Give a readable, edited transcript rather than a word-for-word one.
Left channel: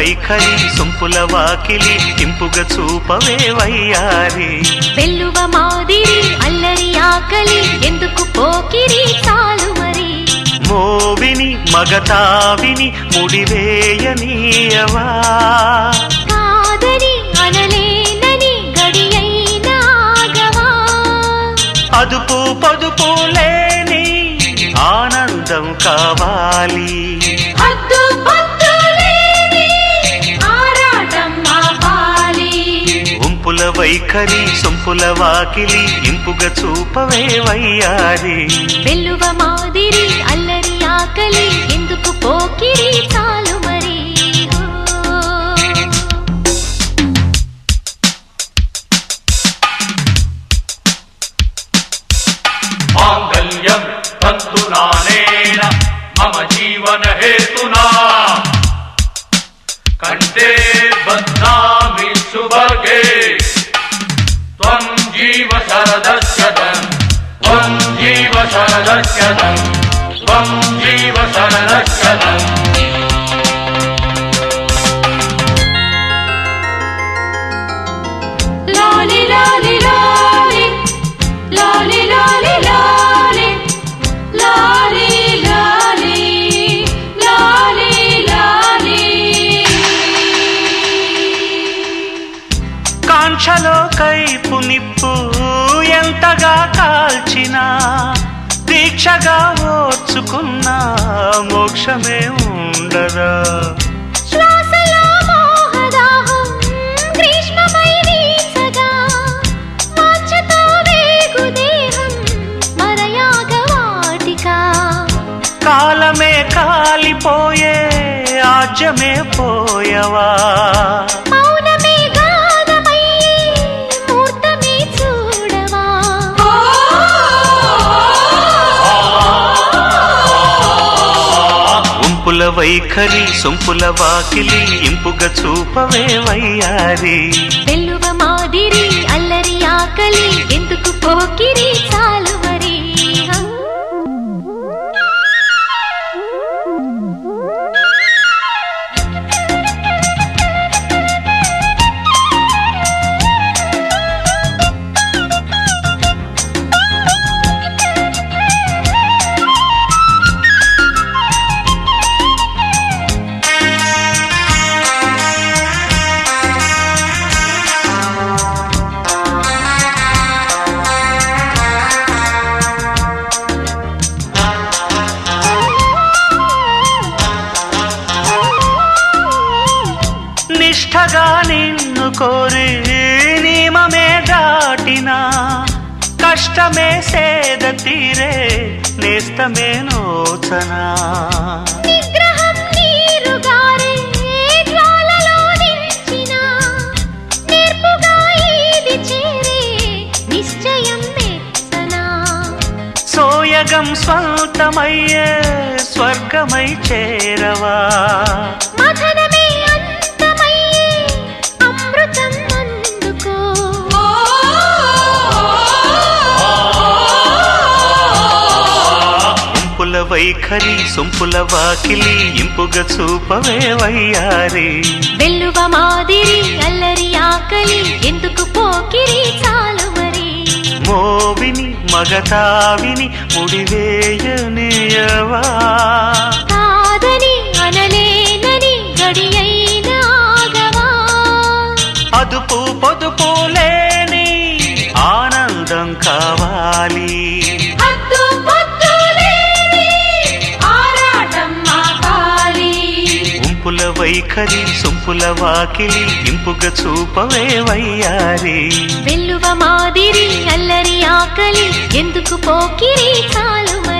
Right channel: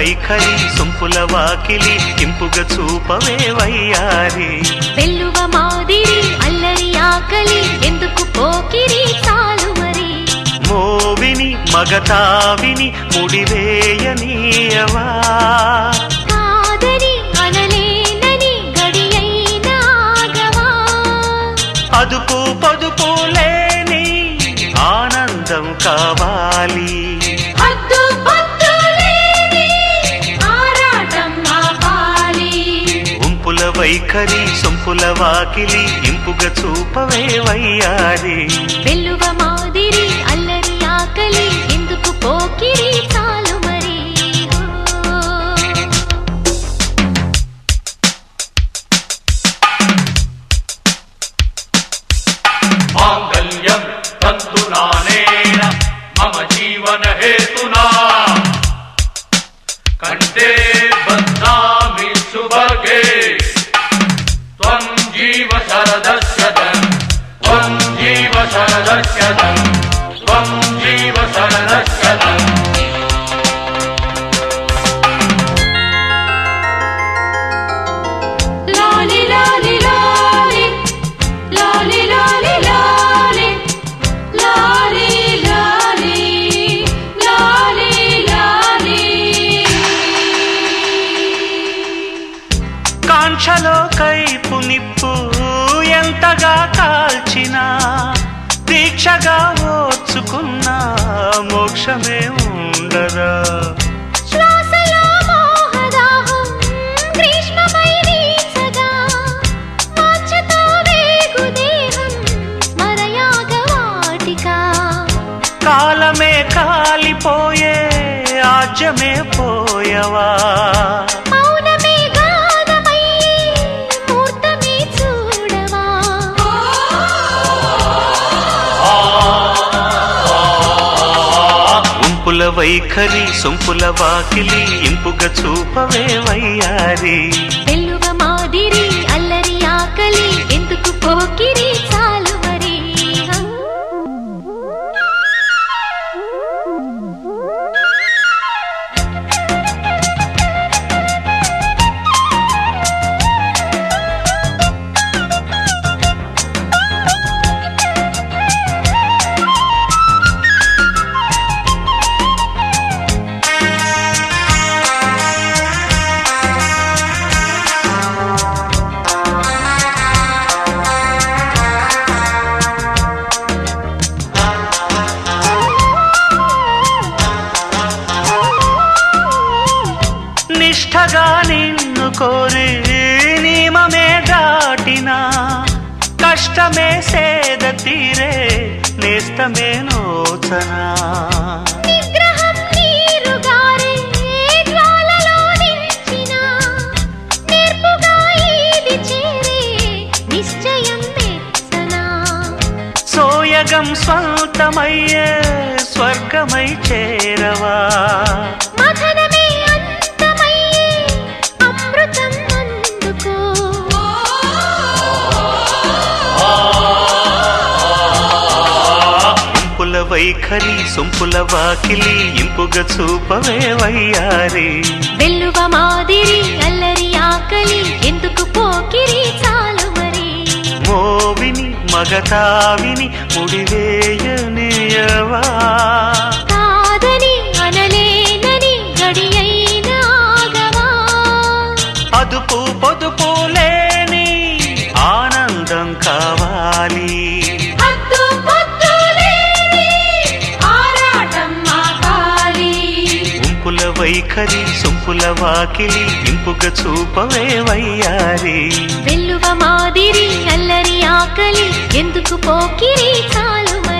వైఖరి సొంపుల వాకిలి ఇంపుగా చూపవే వయ్యారి వెల్లువ మాదిరి అల్లరి ఆకలి ఎందుకు పోకిరి చాలు మరి మోవిని మగతావిని ముడివేయనీయవా కాదని అనలేనని గడియైనాగవా అదుపు పొదుపు లేని ఆనందం కావాలి హద్దు పొద్దు లేని ఆరాటం ఆపాలి ఉంపుల వైఖరి సొంపుల వాకిలి ఇంపుగా చూపవే వయ్యారి వెల్లువ మాదిరి అల్లరి ఆకలి ఎందుకు పోకిరి చాలు మరి మాంగళ్యం తంతునానేన మమ జీవన హేతునా కంఠే బధ్నామి సుభగే త్వం జీవ శరదస్యతం త్వం జీవ శరదస్యతం త్వం జీవ శరదస్యతం లాలి లాలి లాలి లాలి లాలి లాలి లాలి లాలి లాలి లాలి కాంక్షలో కైపు నిప్పు ఎంతగా కాల్చినా దీక్షగా ఓర్చుకున్నా మోక్షమే ఉండదా శ్వాసలో మోహదాహం గ్రీష్మమై నీసగా మార్చతో వేగు దేహం మరయాగవాటికా కాలమే కాలిపోయే ఆజ్యమే పోయవా మౌనమే గానమై మూర్తమే చూడవా ఉంపుల వైఖరి సొంపుల వాకిలి ఇంపుగా చూపవే వయ్యారి వెల్లువ మాదిరి అల్లరి ఆకలి ఎందుకు పోకిరి చాలు మరి నిష్ఠగా నిన్ను కోరి నియమమే దాటినా కష్టమే సేద తీరే నేస్తమే నోచనా నిగ్రహం నీరుగారే జ్వాలలో నింపినా నేర్పుగా ఈది చేరే నిశ్చయం మెచ్చనా సోయగం స్వంతమయ్యే స్వర్గమై చేరవా మథనమే అంతమయ్యే అమృతం అందుకో ఉంపుల వైఖరి సొంపుల వాకిలి ఇంపుగా చూపవే వయ్యారి వెల్లువ మాదిరి అల్లరి ఆకలి ఎందుకు పోకిరి చాలు మరి మోవిని మగతావిని ముడివేయనీయవా కాదని అనలేనని గడియైనాగవా అదుపు పొదుపు లేని ఆనందం కావాలి హద్దు పొద్దు లేని ఆరాటం ఆపాలి ఉంపుల వైఖరి సొంపుల వాకిలి ఇంపుగా చూపవే వయ్యారి వెల్లువ మాదిరి అల్లరి ఆకలి ఎందుకు పోకిరి చాలు మరి